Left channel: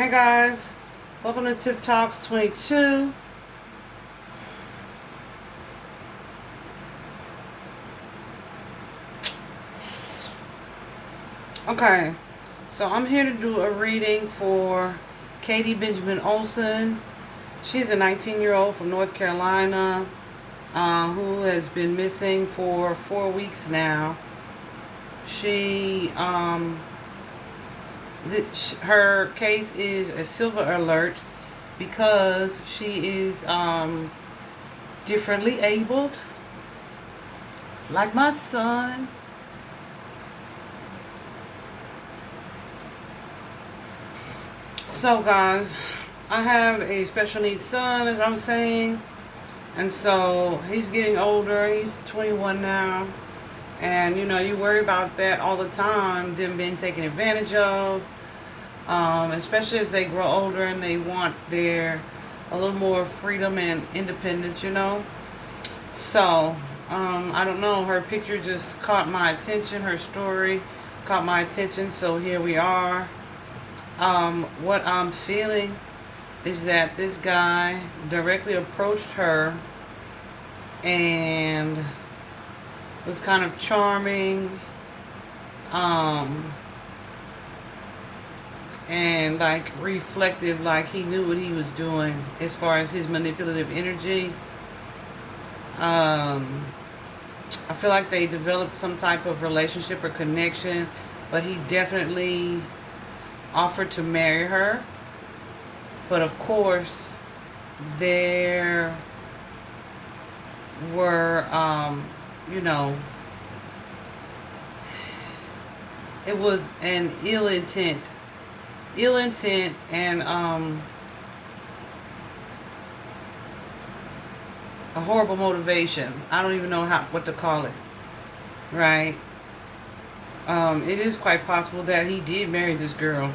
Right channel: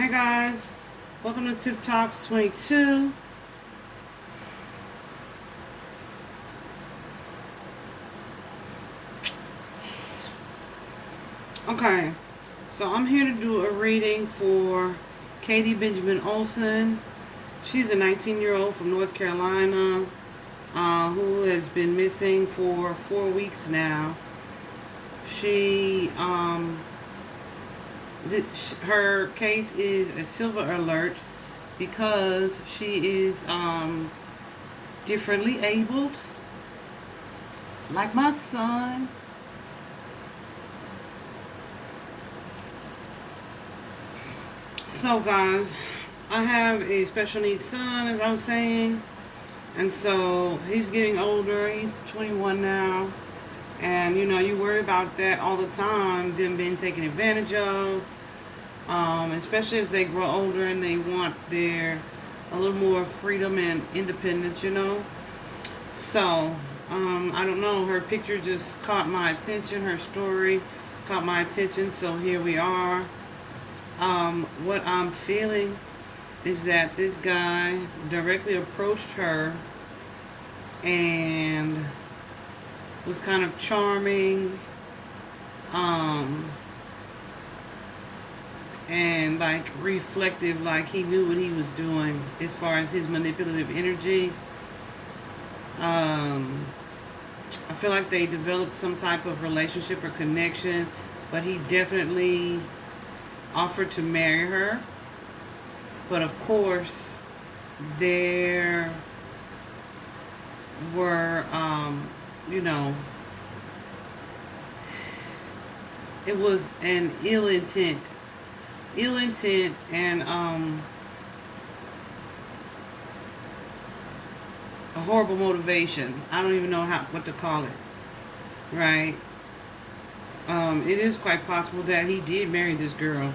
Hey guys, welcome to Tiff Talks 22. Okay, so I'm here to do a reading for Katie Benjamin-Olsen. She's a 19-year-old from North Carolina who has been missing for 4 weeks now. Her case is a silver alert because she is differently abled, like my son. So guys, I have a special needs son, as I was saying, and so he's getting older. He's 21 now, and you worry about that all the time, them being taken advantage of, especially as they grow older and they want a little more freedom and independence, So, I don't know, her picture just caught my attention, her story caught my attention, so here we are. What I'm feeling is that this guy directly approached her and was kind of charming, and like reflective, like he knew what he was doing as far as his manipulative energy. I feel like they developed some type of relationship or connection, but he definitely offered to marry her. But of course, there were, it was an ill intent and a horrible motivation. I don't even know what to call it, right? It is quite possible that he did marry this girl.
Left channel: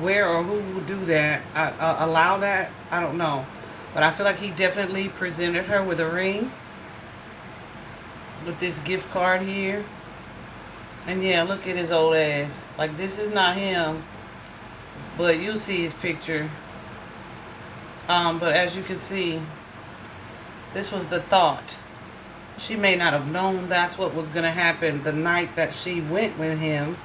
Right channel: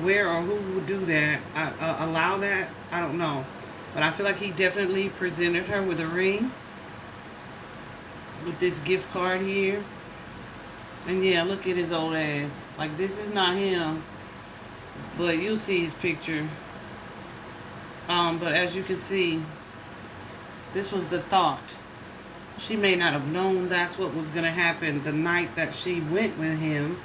Where or who would do that, allow that, I don't know. But I feel like he definitely presented her with a ring, with this gift card here. And yeah, look at his old ass. Like, this is not him, but you'll see his picture. But as you can see, this was the thought. She may not have known that's what was going to happen the night that she went with him.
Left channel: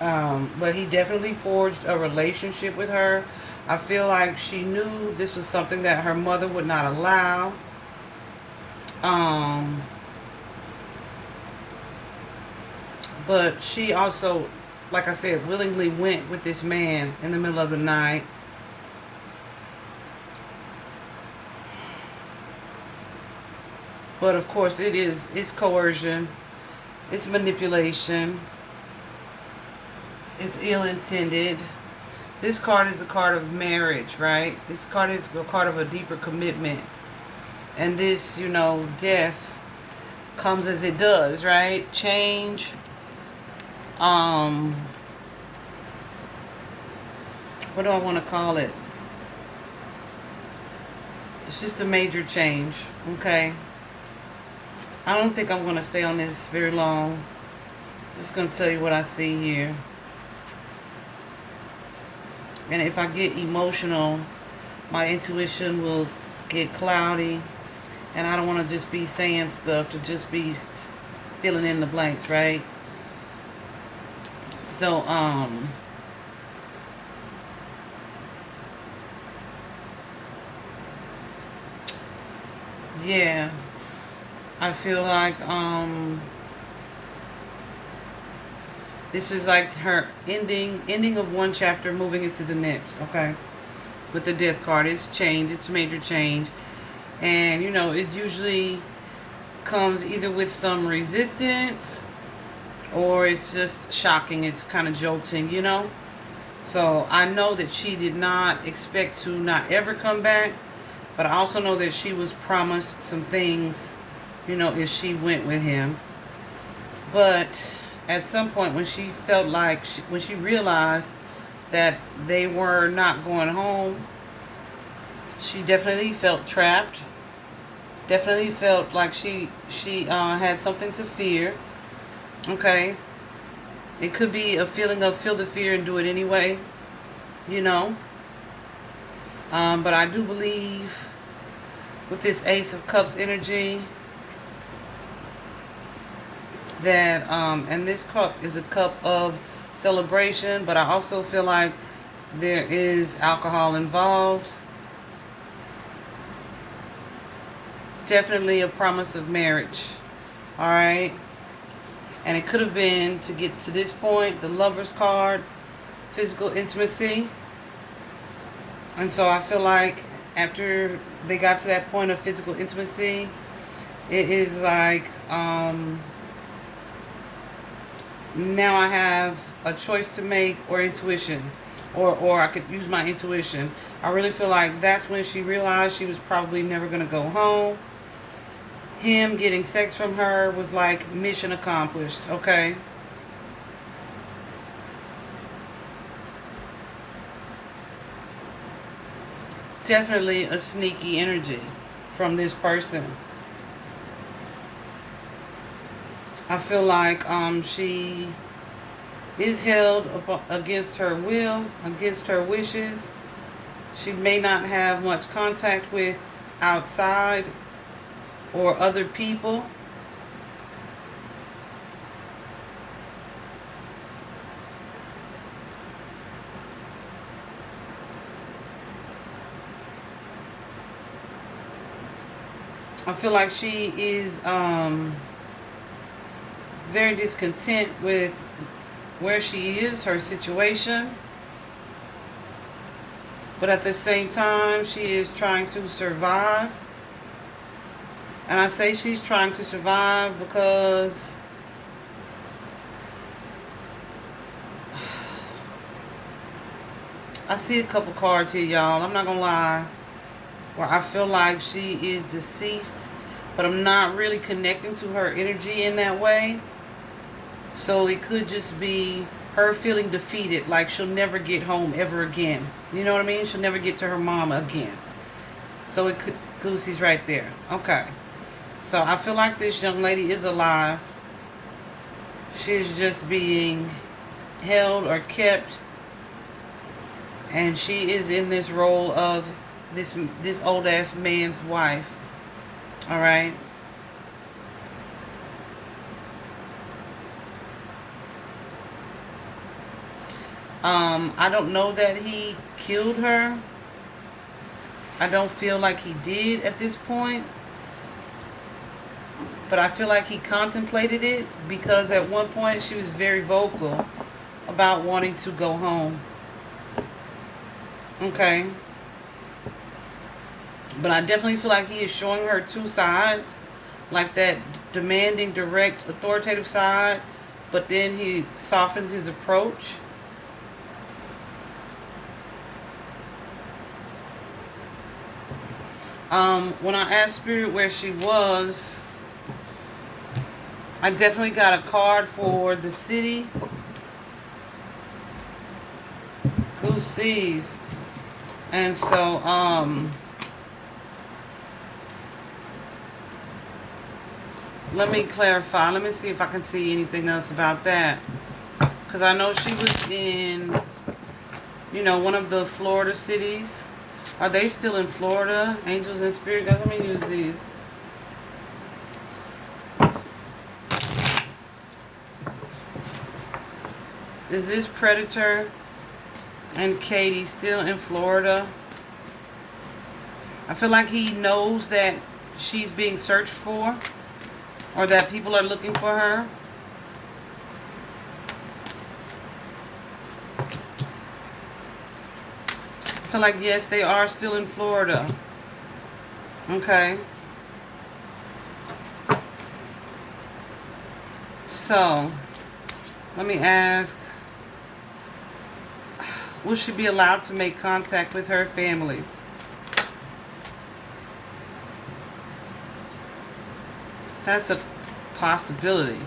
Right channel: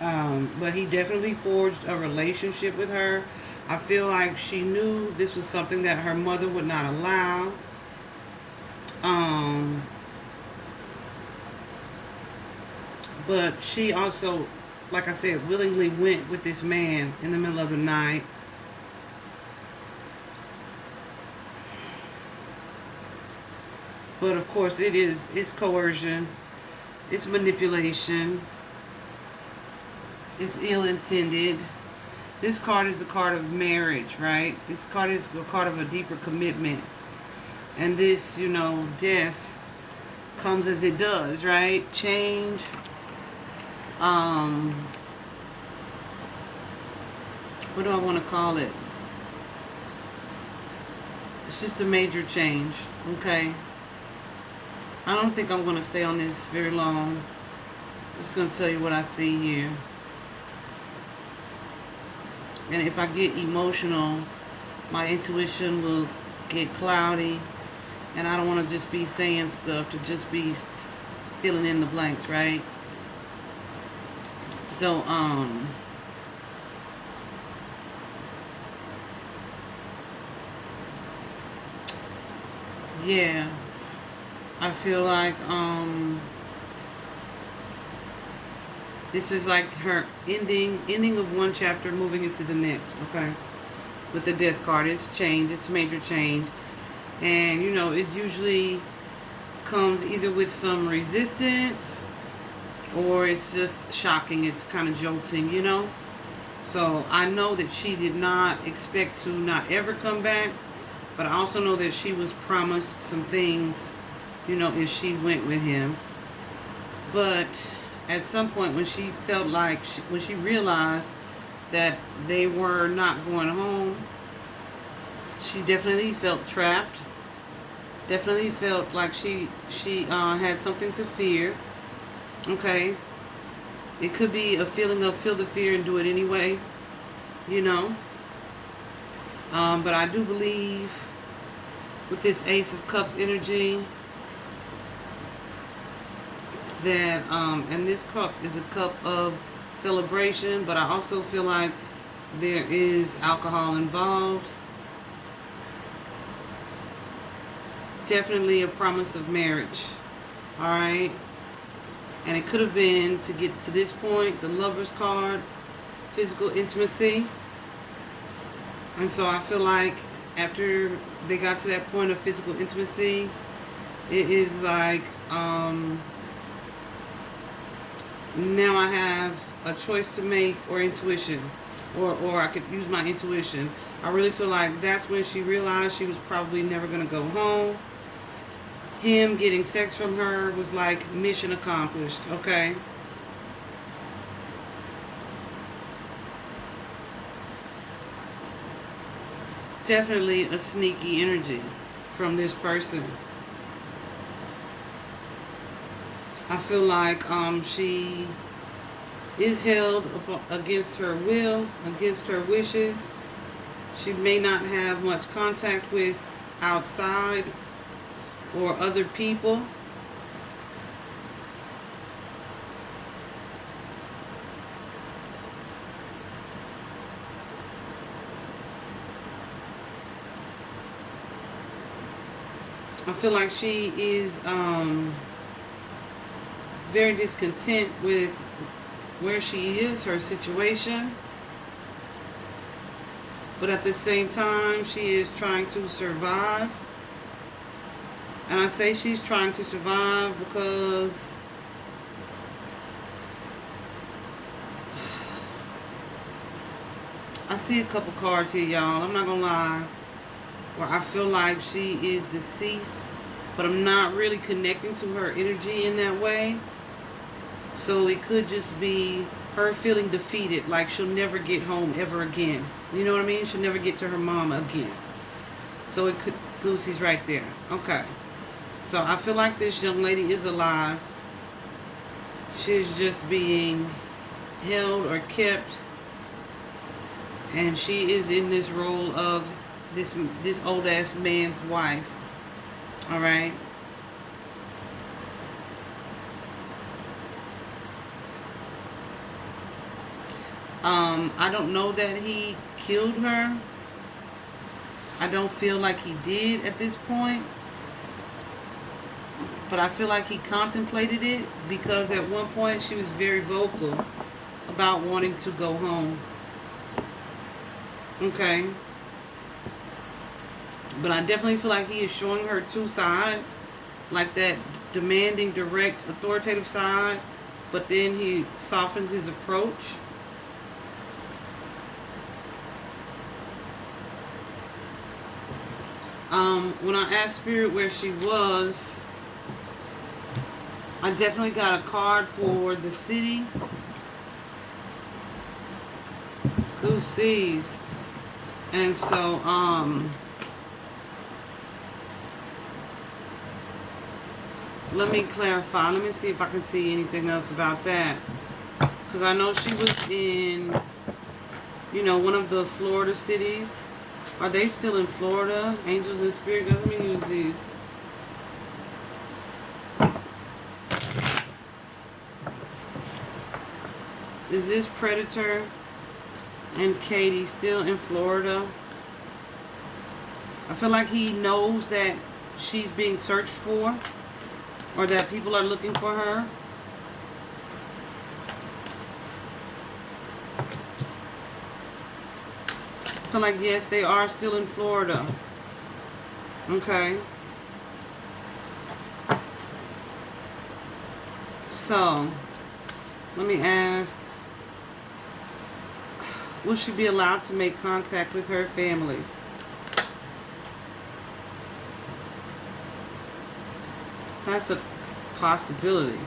But he definitely forged a relationship with her. I feel like she knew this was something that her mother would not allow. But she also, like I said, willingly went with this man in the middle of the night. But of course it's coercion, it's manipulation, it's ill-intended. This card is a card of marriage, right? This card is a card of a deeper commitment. And this, death comes as it does, right? Change. What do I want to call it? It's just a major change, okay? I don't think I'm going to stay on this very long. I'm just going to tell you what I see here. And if I get emotional, my intuition will get cloudy. And I don't want to just be saying stuff to just be filling in the blanks, right? So, yeah. I feel like this is like her ending of one chapter, moving into the next, okay? With the death card, it's change, it's major change. And it usually comes either with some resistance or it's just shocking, it's kind of jolting, So I know that she did not expect to not ever come back, but I also know that she was promised some things, if she went with him. But at some point when she felt like, when she realized that they were not going home, she definitely felt trapped. Definitely felt like she had something to fear. Okay. It could be a feeling of feel the fear and do it anyway. you know. But I do believe with this Ace of Cups energy that, and this cup is a cup of celebration, but I also feel like there is alcohol involved. Definitely a promise of marriage. Alright? And it could have been, to get to this point, the Lover's card, physical intimacy. And so I feel like after they got to that point of physical intimacy, it is like, now I have a choice to make, or intuition. Or I could use my intuition. I really feel like that's when she realized she was probably never going to go home. Him getting sex from her was like mission accomplished, okay? Definitely a sneaky energy from this person. I feel like she is held against her will, against her wishes. She may not have much contact with outside or other people. I feel like she is very discontent with where she is, her situation. But at the same time, she is trying to survive. And I say she's trying to survive because I see a couple cards here, y'all. I'm not going to lie. Where I feel like she is deceased, but I'm not really connecting to her energy in that way. So it could just be her feeling defeated, like she'll never get home ever again. You know what I mean? She'll never get to her mama again. So it could, Goosey's right there. Okay. So I feel like this young lady is alive. She's just being held or kept. And she is in this role of this old ass man's wife. Alright. I don't know that he killed her. I don't feel like he did at this point. But I feel like he contemplated it, because at one point she was very vocal about wanting to go home. Okay. But I definitely feel like he is showing her two sides. Like that demanding, direct, authoritative side. But then he softens his approach. When I asked Spirit where she was, I definitely got a card for the city. Who sees? And so, let me clarify. Let me see if I can see anything else about that. Because I know she was in, you know, one of the Florida cities. Are they still in Florida? Angels and Spirit. Let me use these. Is this Predator and Katie still in Florida? I feel like he knows that she's being searched for, or that people are looking for her. I feel like, yes, they are still in Florida. Okay. So, let me ask, will she be allowed to make contact with her family? That's a possibility.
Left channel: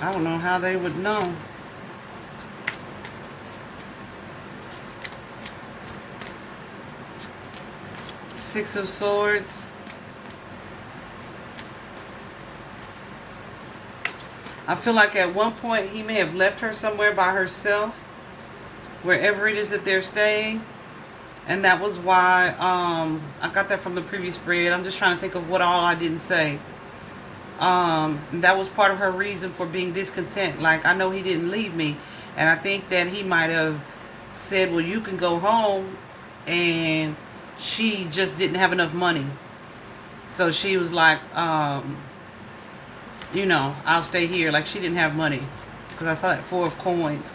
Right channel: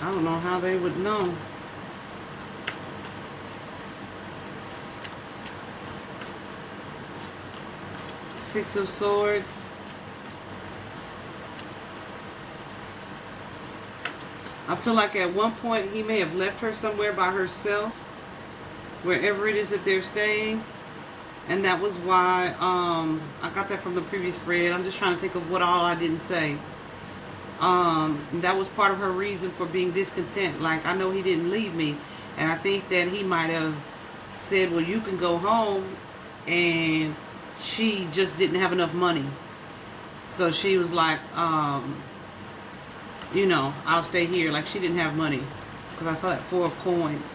I don't know how they would know. Six of Swords. I feel like at one point he may have left her somewhere by herself, wherever it is that they're staying. And that was why I got that from the previous spread. I'm just trying to think of what all I didn't say. That was part of her reason for being discontent. Like, I know he didn't leave me. And I think that he might have said, well, you can go home. And she just didn't have enough money. So she was like, you know, I'll stay here. Like, she didn't have money. Because I saw that 4 of coins.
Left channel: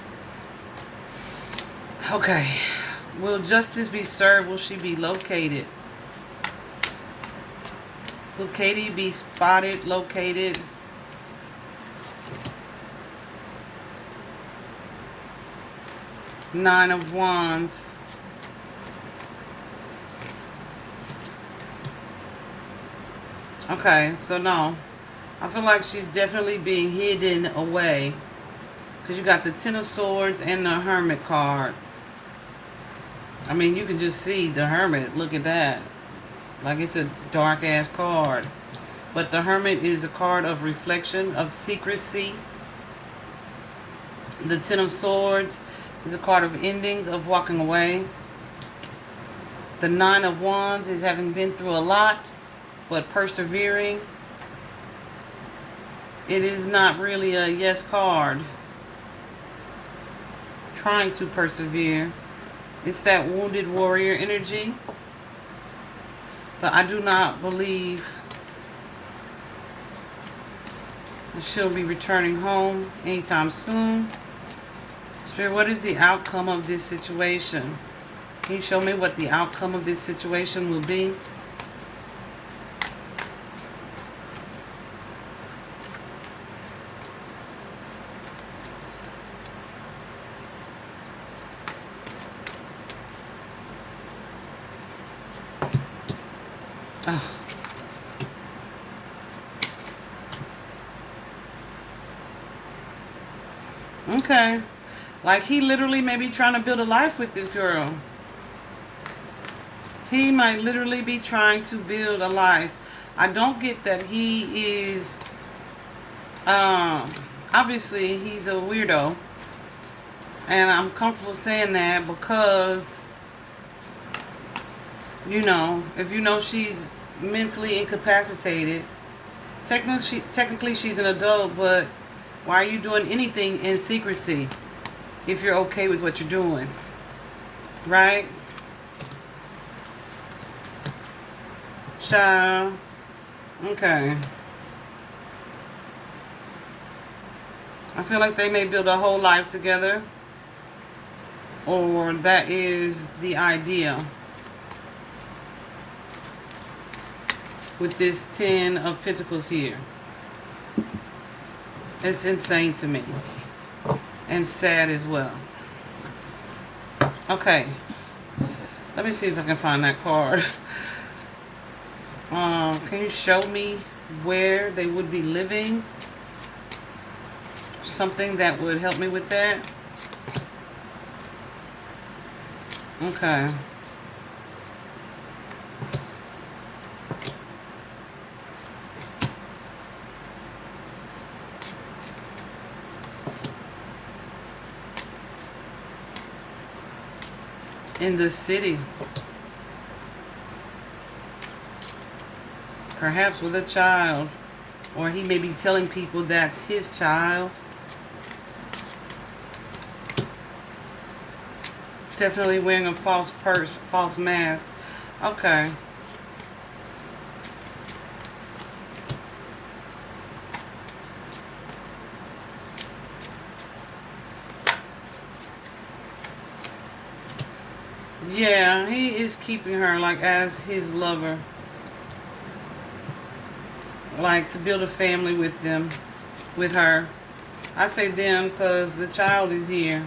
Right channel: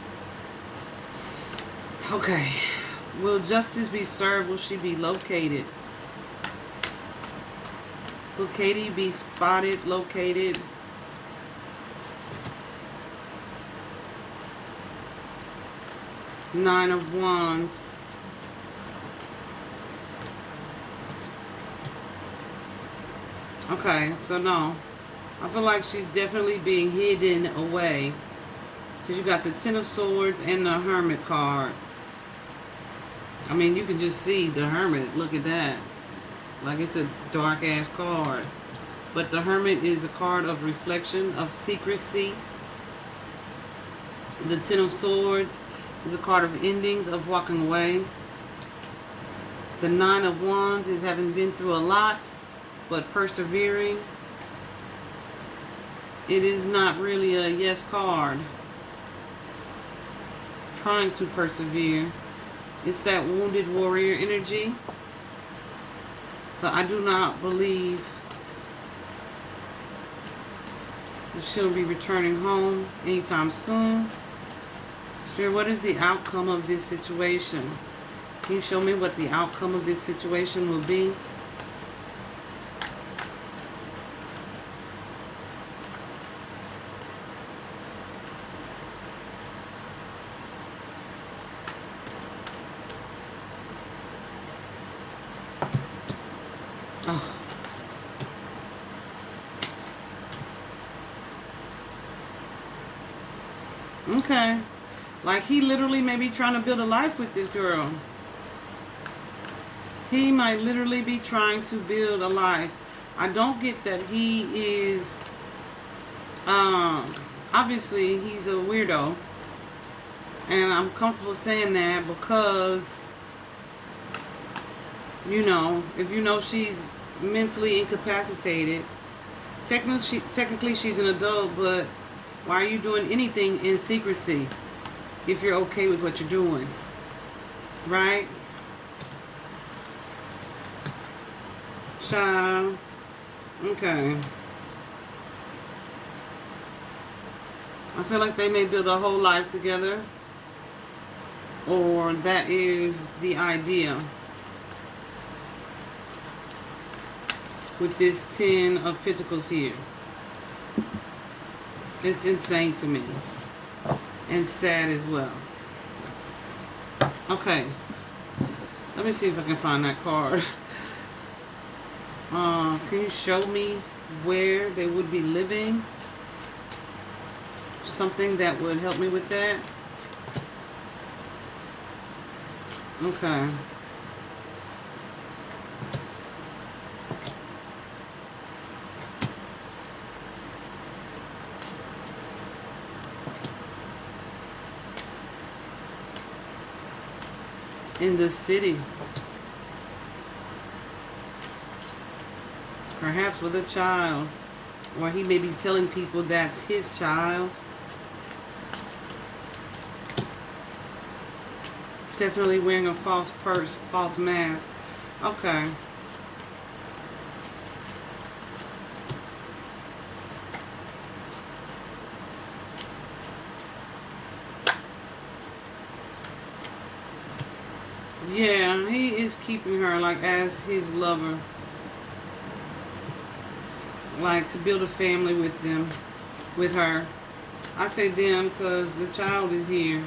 Okay. Will justice be served? Will she be located? Will Katie be spotted, located? Nine of Wands. Okay, so no. I feel like she's definitely being hidden away. Because you got the Ten of Swords and the Hermit card. I mean, you can just see the Hermit. Look at that. Like, it's a dark-ass card. But the Hermit is a card of reflection, of secrecy. The Ten of Swords is a card of endings, of walking away. The Nine of Wands is having been through a lot, but persevering. It is not really a yes card. Trying to persevere. It's that wounded warrior energy. But I do not believe that she'll be returning home anytime soon. Spirit, what is the outcome of this situation? Can you show me what the outcome of this situation will be? Oh. Okay. Like, he literally may be trying to build a life with this girl. He might literally be trying to build a life. I don't get that he is... obviously, he's a weirdo. And I'm comfortable saying that because... You know, if you know she's mentally incapacitated, technically she's an adult, but why are you doing anything in secrecy if you're okay with what you're doing? Right? Child. Okay. I feel like they may build a whole life together, or that is the idea. With this 10 of Pentacles here. It's insane to me. And sad as well. Okay. Let me see if I can find that card. Can you show me where they would be living? Something that would help me with that? Okay. In the city. Perhaps with a child. Or he may be telling people that's his child. Definitely wearing a false purse, false mask. Okay. Yeah, he is keeping her like as his lover. Like to build a family with them, with her. I say them because the child is here.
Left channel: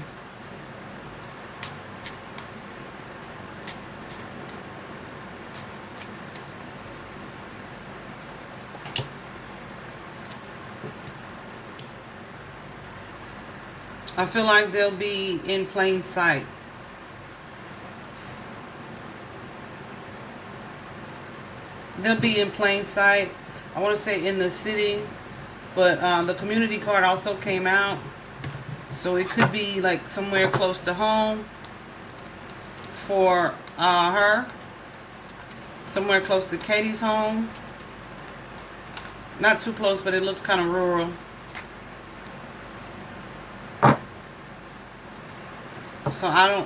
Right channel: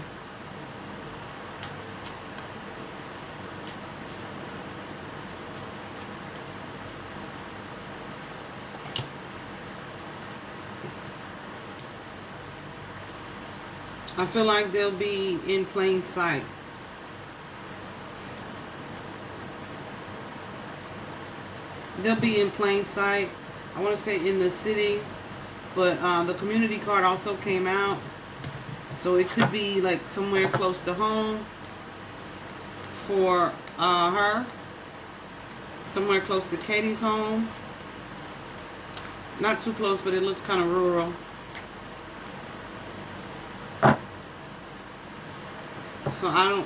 I feel like they'll be in plain sight. They'll be in plain sight. I want to say in the city. But the community card also came out. So it could be like somewhere close to home for her. Somewhere close to Katie's home. Not too close, but it looks kind of rural. So I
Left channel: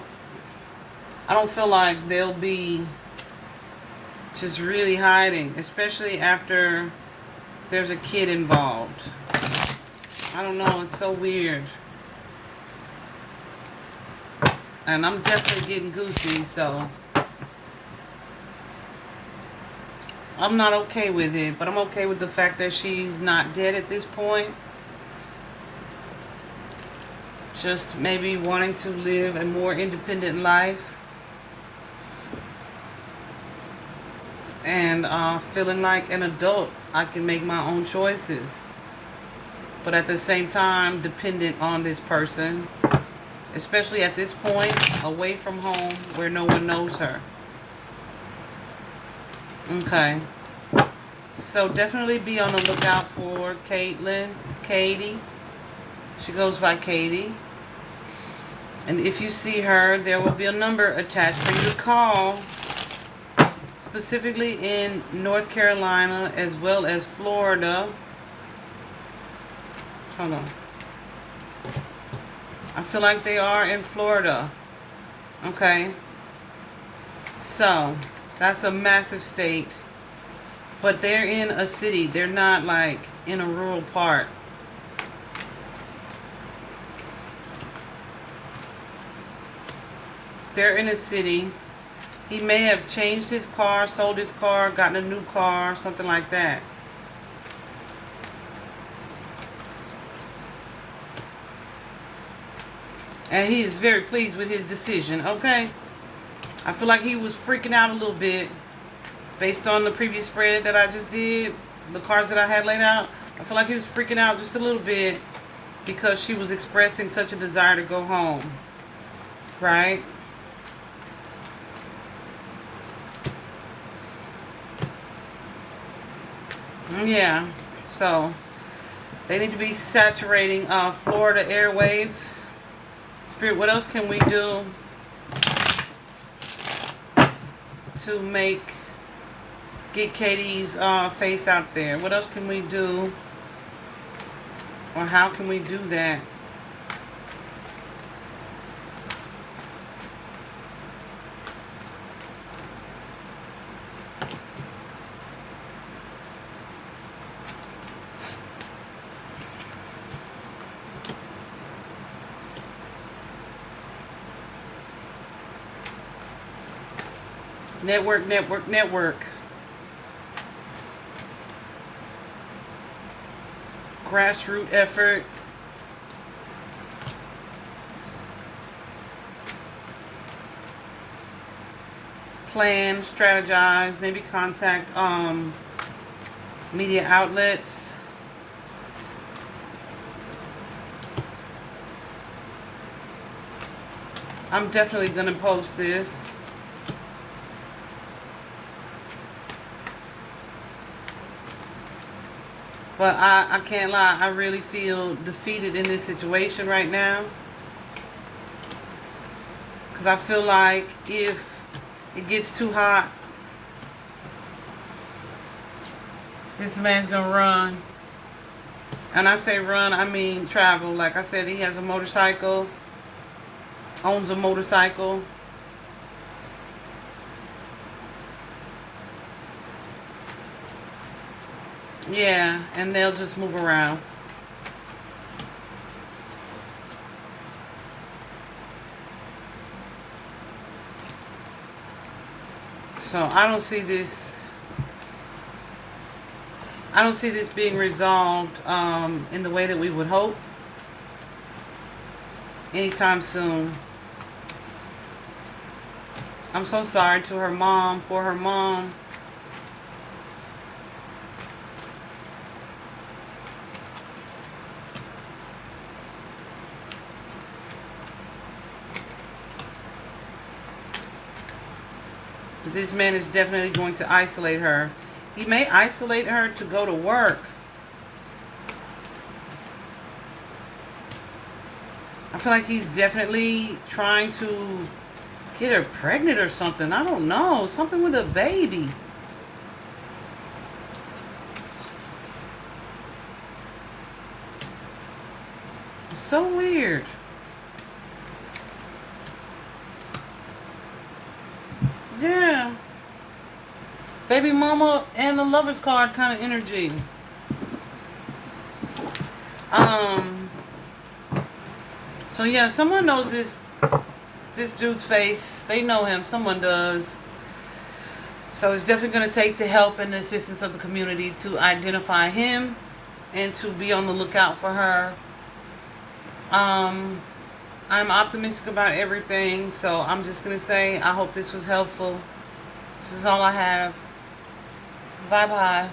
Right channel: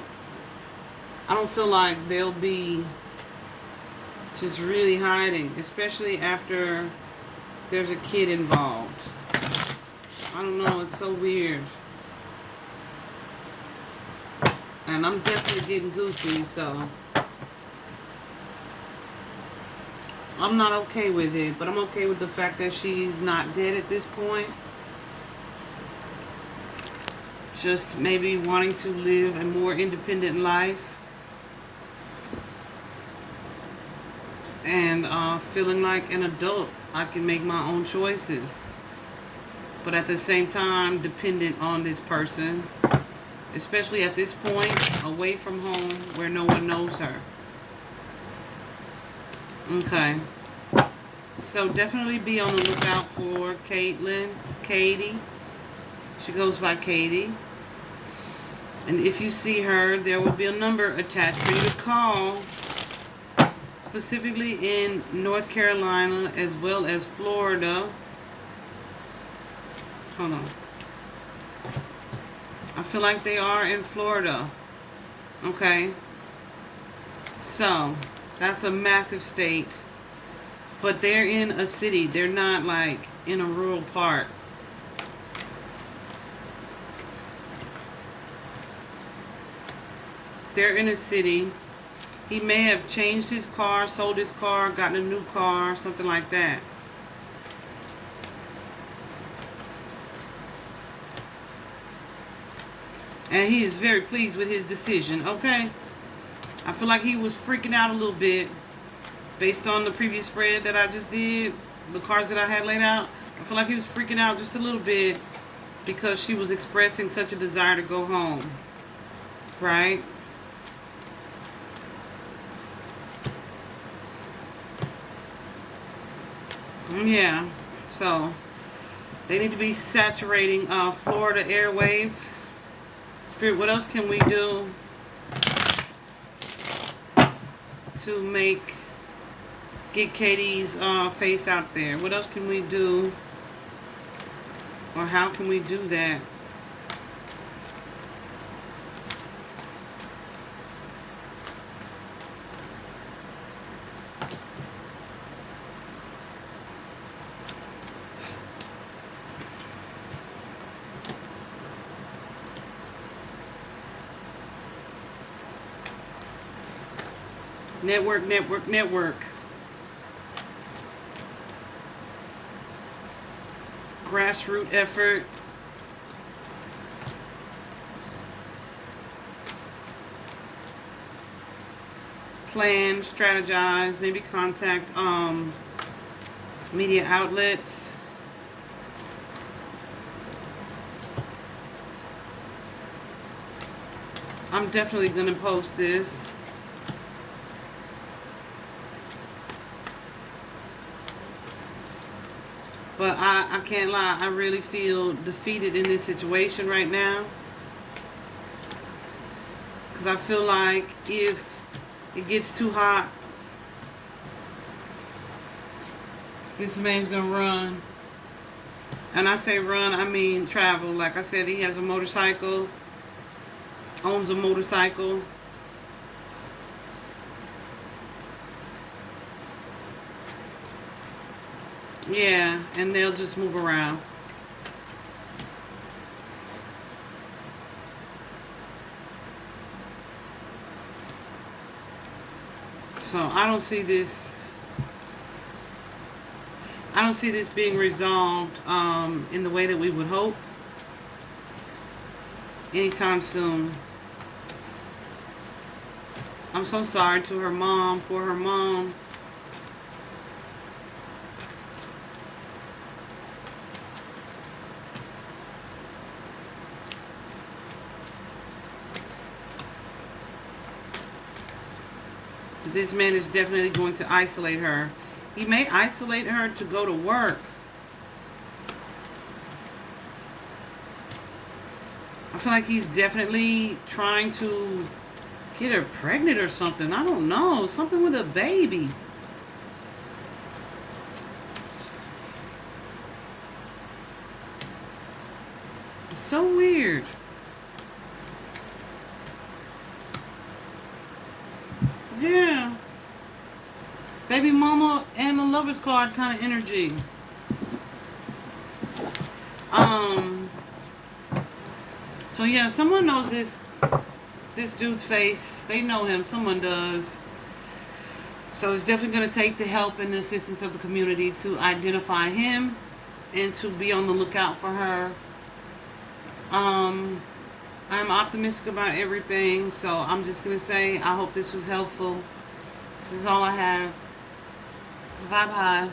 don't feel like they'll be just really hiding, especially after there's a kid involved. I don't know, it's so weird. And I'm definitely getting goosey, so I'm not okay with it, but I'm okay with the fact that she's not dead at this point. Just maybe wanting to live a more independent life. And feeling like an adult. I can make my own choices. But at the same time, dependent on this person. Especially at this point, away from home, where no one knows her. Okay. So definitely be on the lookout for Katie. She goes by Katie. And if you see her, there will be a number attached for you to call. Specifically in North Carolina as well as Florida. Hold on. I feel like they are in Florida. Okay. So, that's a massive state. But they're in a city. They're not like in a rural part. They're in a city. He may have changed his car, sold his car, gotten a new car, something like that. And he is very pleased with his decision, okay? I feel like he was freaking out a little bit based on the previous spread that I just did, the cards that I had laid out. I feel like he was freaking out just a little bit because she was expressing such a desire to go home, right? Yeah, so they need to be saturating Florida airwaves. Spirit, what else can we do to get Katie's face out there? What else can we do? Or how can we do that? Network. Grassroots effort. Plan, strategize, maybe contact media outlets. I'm definitely going to post this. But I can't lie, I really feel defeated in this situation right now. Because I feel like if it gets too hot, this man's going to run. And I say run, I mean travel. Like I said, he has a motorcycle, owns a motorcycle. Yeah, and they'll just move around. So I don't see this being resolved in the way that we would hope anytime soon. I'm so sorry to her mom, for her mom. This man is definitely going to isolate her. He may isolate her to go to work. feel like he's definitely trying to get her pregnant or something. I don't know. Something with a baby. It's so weird. Yeah. Baby mama and the lover's card kind of energy. So yeah, someone knows this dude's face. They know him. Someone does. So it's definitely going to take the help and the assistance of the community to identify him and to be on the lookout for her. I'm optimistic about everything, so I'm just going to say I hope this was helpful. This is all I have. Bye-bye.